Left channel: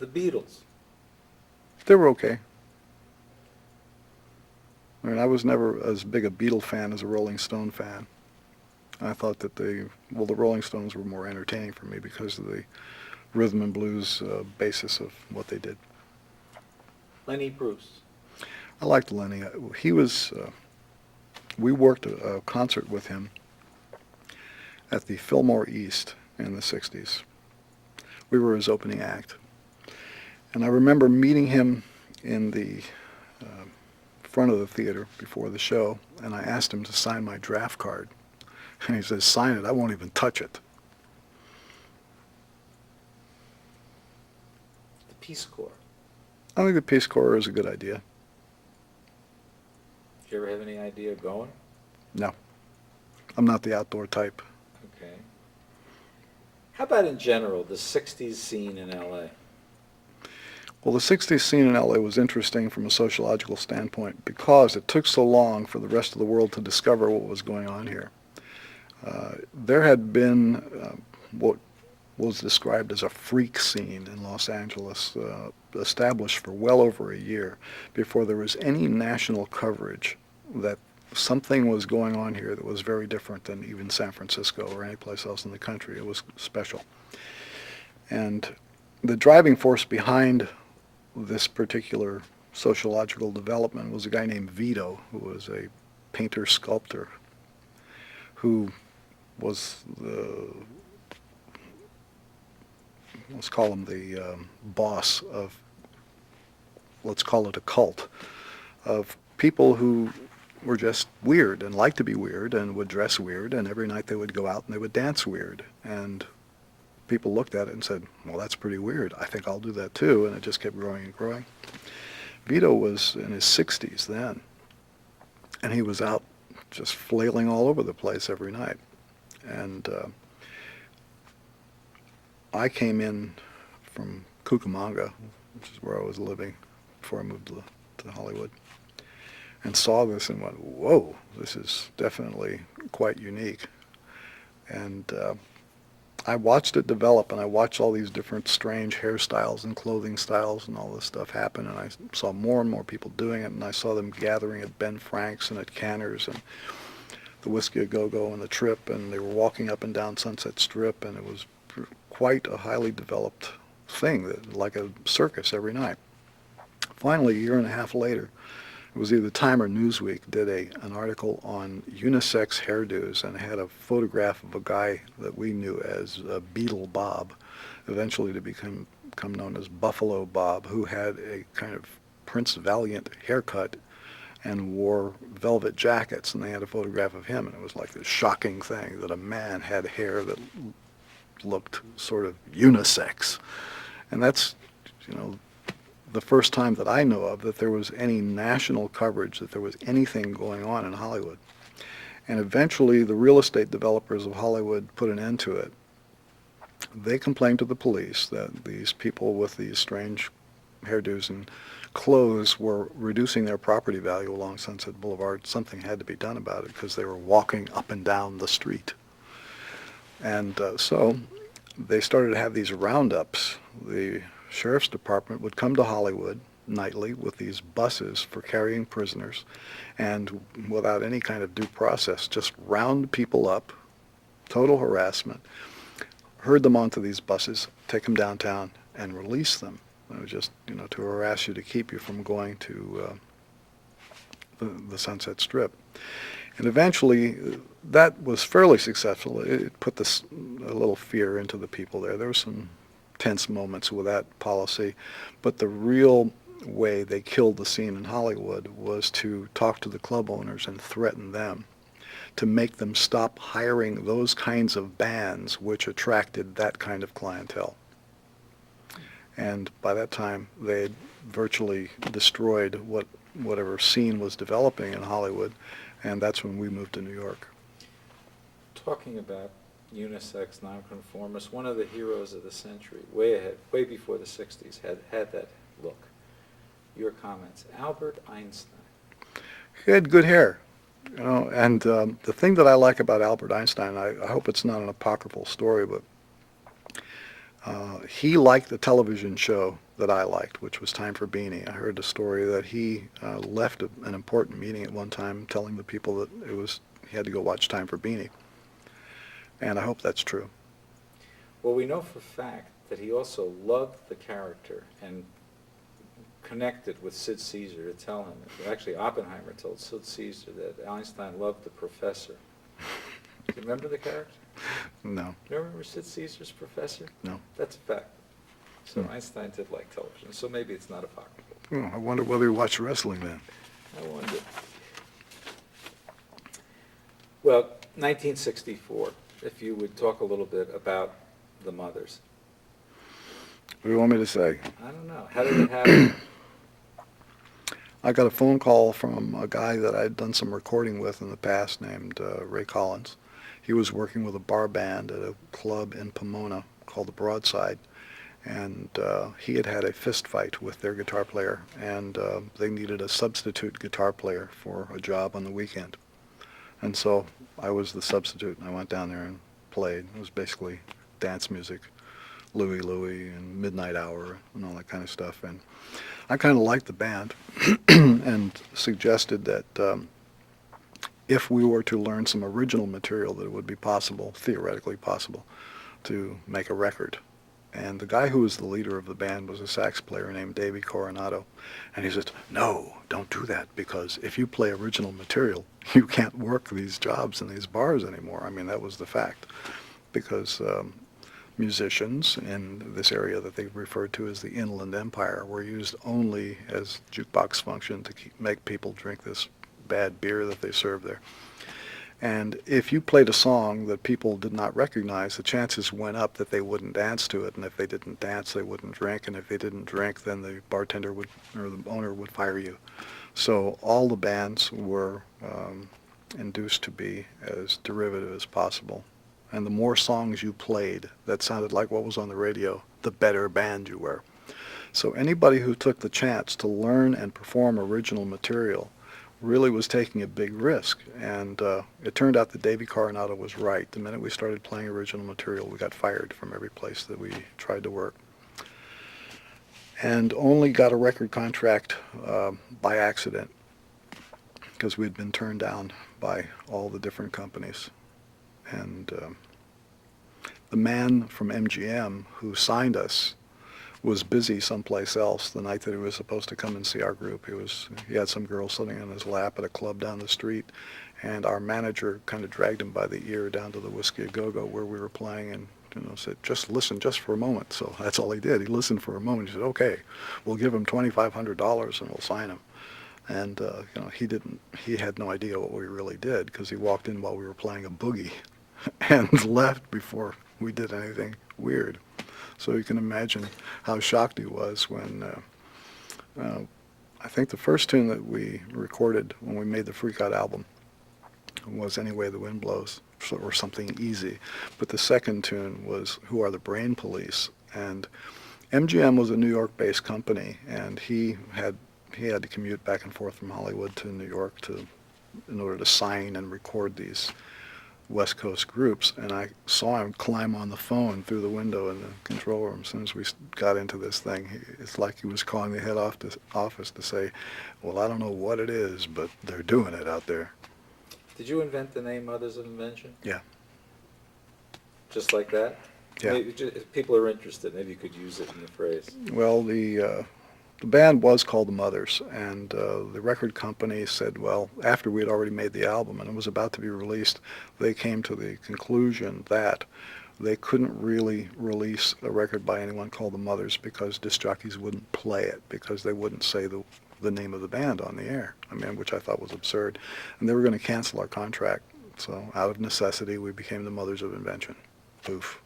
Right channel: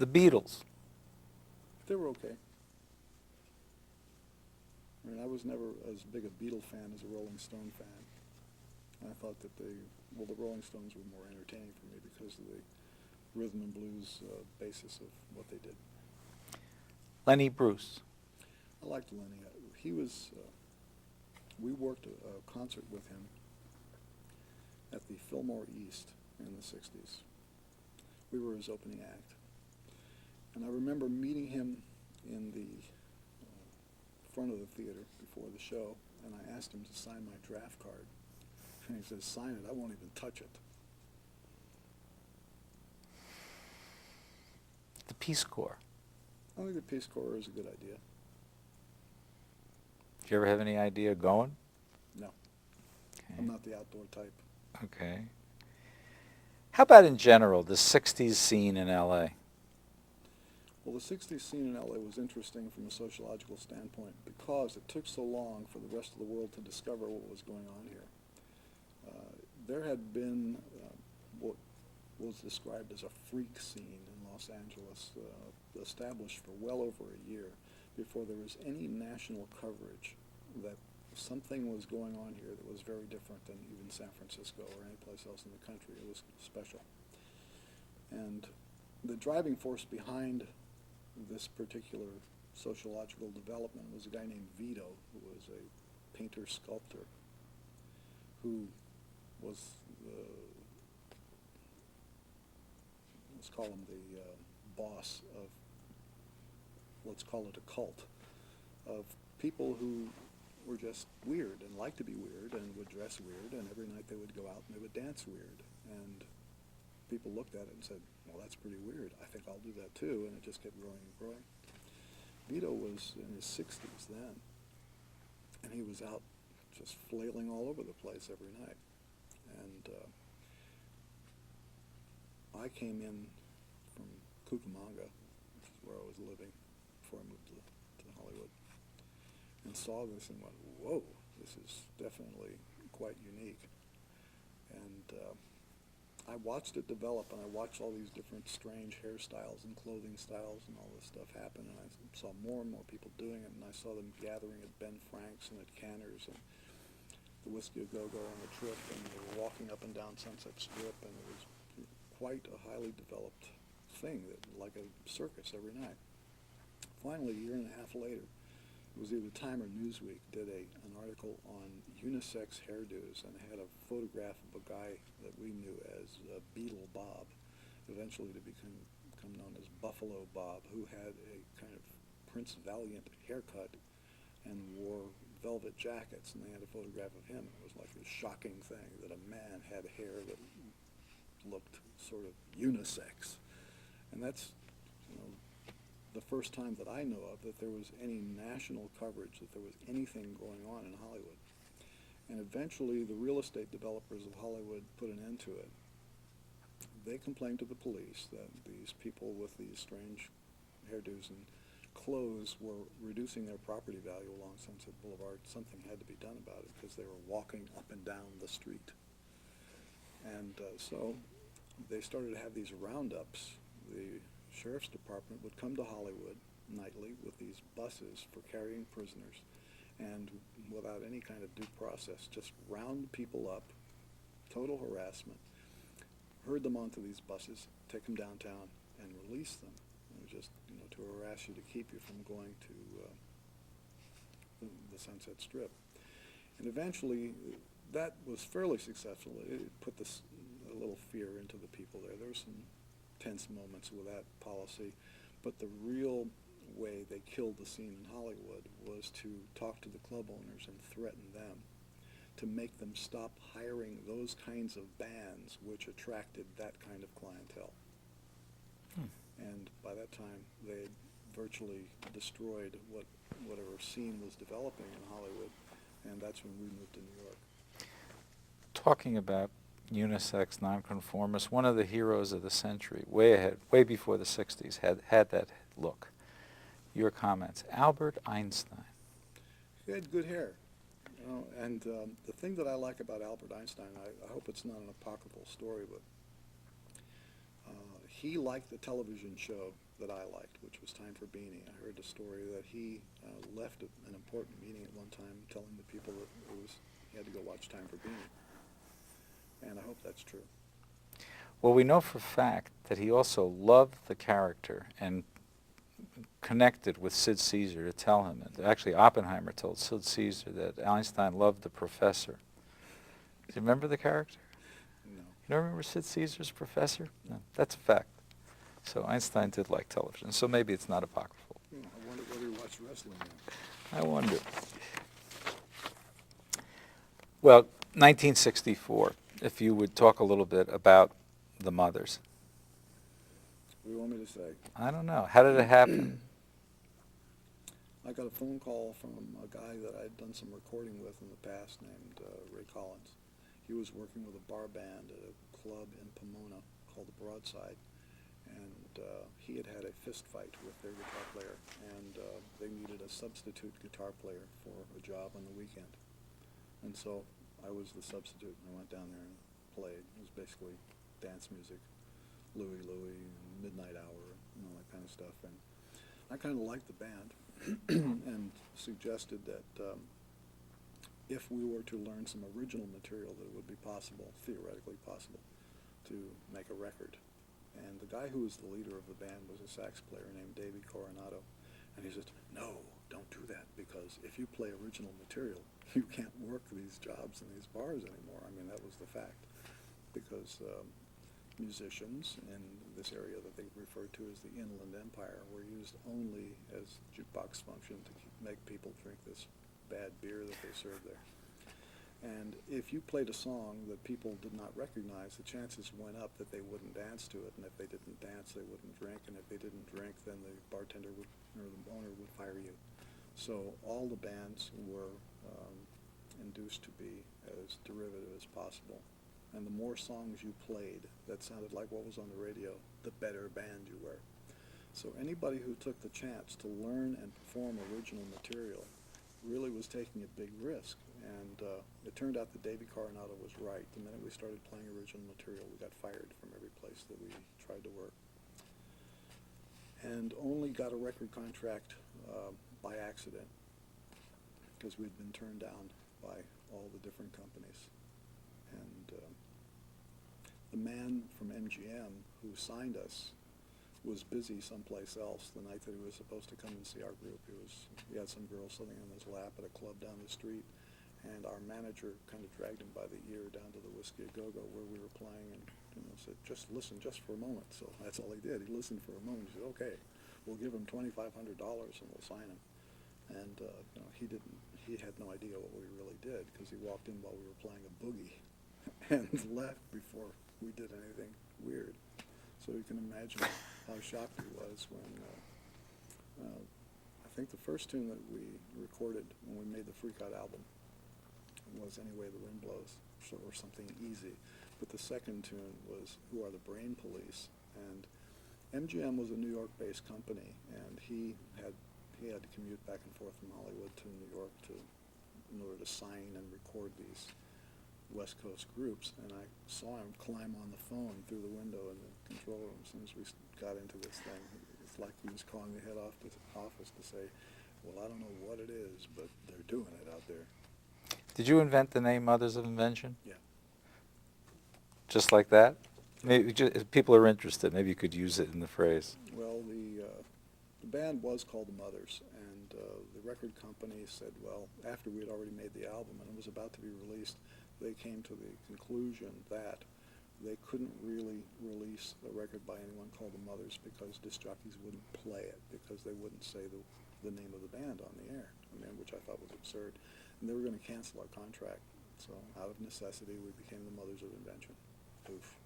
The Beatles. They were okay. I mean, I was never as big a Beatle fan as a Rolling Stone fan. I thought that the Rolling Stones were more entertaining for me because of the rhythm and blues basis of what they did. Lenny Bruce. I liked Lenny. He was, we worked a concert with him at the Fillmore East in the 60s. We were his opening act. And I remember meeting him in the front of the theater before the show, and I asked him to sign my draft card. And he says, "Sign it, I won't even touch it." The Peace Corps. I think the Peace Corps is a good idea. Do you ever have any idea of going? No, I'm not the outdoor type. Okay. How about in general, the 60s scene in L.A.? Well, the 60s scene in LA was interesting from a sociological standpoint because it took so long for the rest of the world to discover what was going on here. There had been what was described as a freak scene in Los Angeles, established for well over a year before there was any national coverage that something was going on here that was very different than even San Francisco or any place else in the country. It was special. And the driving force behind this particular sociological development was a guy named Vito, who was a painter-sculptor who was the, let's call him the boss of, let's call it a cult, of people who were just weird and liked to be weird and would dress weird, and every night they would go out and they would dance weird. And people looked at it and said, well, that's pretty weird. I think I'll do that too. And it just kept growing and growing. Vito was in his 60s then, and he was out just flailing all over the place every night. And I came in from Cucamonga, which is where I was living before I moved to Hollywood, and saw this and went, whoa, this is definitely quite unique. And I watched it develop, and I watched all these different strange hairstyles and clothing styles and all this stuff happen, and I saw more and more people doing it, and I saw them gathering at Ben Frank's and at Canner's and the Whiskey A Go-Go and the Trip, and they were walking up and down Sunset Strip, and it was quite a highly developed thing, that, like a circus every night. Finally, a year and a half later, it was either Time or Newsweek did an article on unisex hairdos, and had a photograph of a guy that we knew as Beetle Bob, eventually to become known as Buffalo Bob, who had a kind of Prince Valiant haircut and wore velvet jackets, and they had a photograph of him, and it was like this shocking thing that a man had hair that looked sort of unisex. And that's, you know, the first time that I know of that there was any national coverage, that there was anything going on in Hollywood. And eventually the real estate developers of Hollywood put an end to it. They complained to the police that these people with these strange hairdos and clothes were reducing their property value along Sunset Boulevard. Something had to be done about it because they were walking up and down the street. And so they started to have these roundups. The sheriff's department would come to Hollywood nightly with these buses for carrying prisoners, and without any kind of due process, just round people up, total harassment, herd them onto these buses, take them downtown, and release them. It was just, you know, to harass you, to keep you from going to the Sunset Strip. And eventually, that was fairly successful. It put a little fear into the people there. There were some tense moments with that policy, but the real way they killed the scene in Hollywood was to talk to the club owners and threaten them to make them stop hiring those kinds of bands which attracted that kind of clientele. And by that time, they had virtually destroyed whatever scene was developing in Hollywood, and that's when we moved to New York. Talking about unisex nonconformists, one of the heroes of the century, way ahead, way before the 60s, had that look. Your comments. Albert Einstein. He had good hair, you know, and the thing that I like about Albert Einstein, I hope it's not an apocryphal story, but he liked the television show that I liked, which was Time for Beanie. I heard the story that he left an important meeting at one time telling the people that he had to go watch Time for Beanie. And I hope that's true. Well, we know for a fact that he also loved the character and connected with Sid Caesar to tell him. Actually, Oppenheimer told Sid Caesar that Einstein loved the professor. Do you remember the character? No. You remember Sid Caesar's professor? No. That's a fact. So Einstein did like television, so maybe it's not apocryphal. Oh, I wonder whether he watched wrestling then. I wonder. Well, 1964, if you would talk a little bit about the Mothers. What do you want me to say? I don't know. How did it happen? I got a phone call from a guy that I'd done some recording with in the past named Ray Collins. He was working with a bar band at a club in Pomona called the Broadside, and he had had a fist fight with their guitar player, and they needed a substitute guitar player for a job on the weekend. And so I was the substitute, and I went down there and played. It was basically dance music, Louie Louie and Midnight Hour and all that kind of stuff. And I kind of liked the band and suggested that if we were to learn some original material, that it would be possible, theoretically possible, to make a record. And the guy who was the leader of the band was a sax player named Davey Coronado. And he said, no, don't do that, because if you play original material, you can't work these jobs in these bars anymore. I mean, that was the fact. Because musicians in this area that they referred to as the Inland Empire were used only as jukebox function to make people drink this bad beer that they served there. And if you played a song that people did not recognize, the chances went up that they wouldn't dance to it, and if they didn't dance, they wouldn't drink, and if they didn't drink, then the bartender would, or the owner would fire you. So all the bands were induced to be as derivative as possible. And the more songs you played that sounded like what was on the radio, the better band you were. So anybody who took the chance to learn and perform original material really was taking a big risk. And it turned out that Davey Coronado was right. The minute we started playing original material, we got fired from every place that we tried to work. And only got a record contract by accident, because we'd been turned down by all the different companies. And the man from MGM who signed us was busy someplace else the night that he was supposed to come and see our group. He had some girl sitting on his lap at a club down the street, and our manager kind of dragged him by the ear down to the Whiskey A Go-Go where we were playing, and said, just listen just for a moment. So that's all he did. He listened for a moment. He said, okay, we'll give him $2,500 and we'll sign him. And he had no idea what we really did, because he walked in while we were playing a boogie and left before we did anything weird. So you can imagine how shocked he was when I think the first tune that we recorded when we made the Freak Out album was Any Way the Wind Blows, or something easy. But the second tune was Who Are the Brain Police? And MGM was a New York-based company, and he had to commute back and forth from Hollywood to New York in order to sign and record these West Coast groups, and I saw him climb on the phone through the window in the control room. As soon as we got into this thing, it's like he was calling the head office to say, well, I don't know what it is, but they're doing it out there. Did you invent the name Mothers of Invention? Yeah. Just like that? Yeah. If people are interested, maybe you could use it in the phrase. Well, the band was called the Mothers, and the record company said, well, after we had already made the album and it was about to be released, they came to the conclusion that they couldn't really release a record by anyone called the Mothers because disc jockeys wouldn't play it, because they wouldn't say the name of the band on the air, which I thought was absurd. And they were going to cancel our contract. So out of necessity, we became the Mothers of Invention. Poof.